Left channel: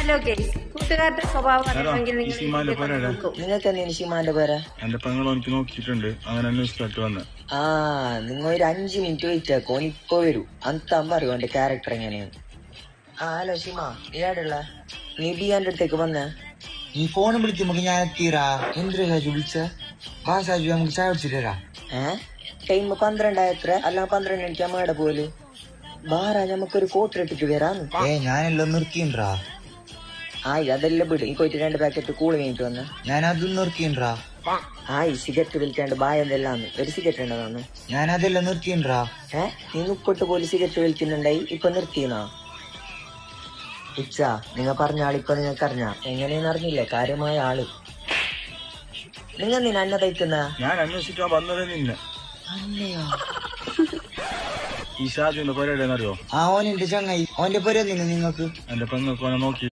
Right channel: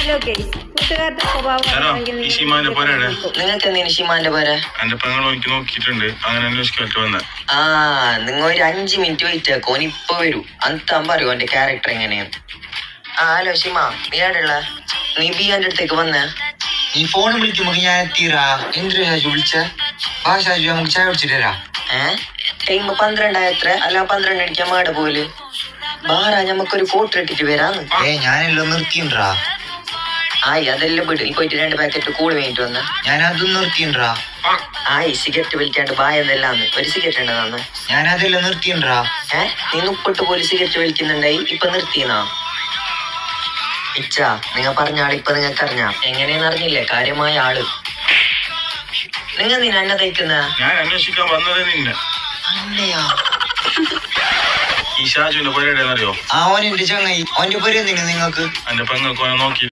Hello guys, കൂട്ടുകാരുടെ സ്വഭാവം അറിയണമെങ്കിൽ നിങ്ങൾക്ക് എന്തിനു ഷിമാന്റെ പേര്? നോക്കിയിട്ടുണ്ട്, അങ്ങനെ വന്നത്. ആ, നിങ്ങൾ ഒരു 5 മിനിറ്റ് വെയിറ്റ് ആക്കോ, ഓൻ ഇപ്പൊ വരൂ. അന്താൻ പറയൂ എന്റെ ക്യാരക്ടർ എങ്ങനെയാണ്. ആ ഹലോ ഷിമ, നീ ആടുള്ള? നീ ബിയാന്റെ അടുത്തേക്ക് വന്നേ? നീ ഫോൺ വിളിക്കുമ്പോ ഞാൻ എത്തിയറാ. എന്തിനാ വിളിച്ച? നമുക്ക് ചായ കുടിച്ചിട്ടാ. ടൈം 12 എത്ര? അല്ല 12 മണിക്ക് അമ്മയുടെ പോല് ബാറാ, ഞമ്മക്കൊരു ഫോട്ടോ ഇട്ടിട്ട് വരാന്ന്. ഞാനെല്ലാം നിർത്തിണ്ടാ. ആയി അതെല്ലാം വിട്. ഈ പോയിട്ട് 2 പാക്കറ്റ് കൂടി വേണ്ടിട്ട് വന്ന. ഞാനതും നിർത്തിണ്ടാ. ആയി സിഗരറ്റ് വലിക്കാണ്ട് ബായെന്നെല്ലാന്ന്. ഒരു സിഗരറ്റ് ഉണ്ടെന്ന്. ഞാനതെല്ലാം നിർത്തിണ്ടാ. നീ 30 പോലും സിഗരറ്റ് വലിക്കുന്നുണ്ടായി, ഇപ്പൊ നിർത്തിയെന്നാ? ഇച്ച നിങ്ങൾ പറഞ്ഞ ആളിപ്പൊ നിങ്ങൾക്ക് അറിഞ്ഞ എങ്ങനെയെന്ന് അറിഞ്ഞില്ലേ? കാര്യമായ ആള്. നിങ്ങൾ നീ എന്നെ തയ്ക്കുന്ന? ഞാൻ അന്വേഷിക്കാൻ വന്നതേ നിന്നെ. അല്ലയാ, ഈ ഷാജുവിന്റെ പരിപാടി എന്നറിയോ? അവൻ എന്റെ ചങ്ങായി. അവന്റെ പേര് എന്തിനു നിങ്ങൾക്ക്? എന്റെ പെങ്ങൾക്ക് നോക്കി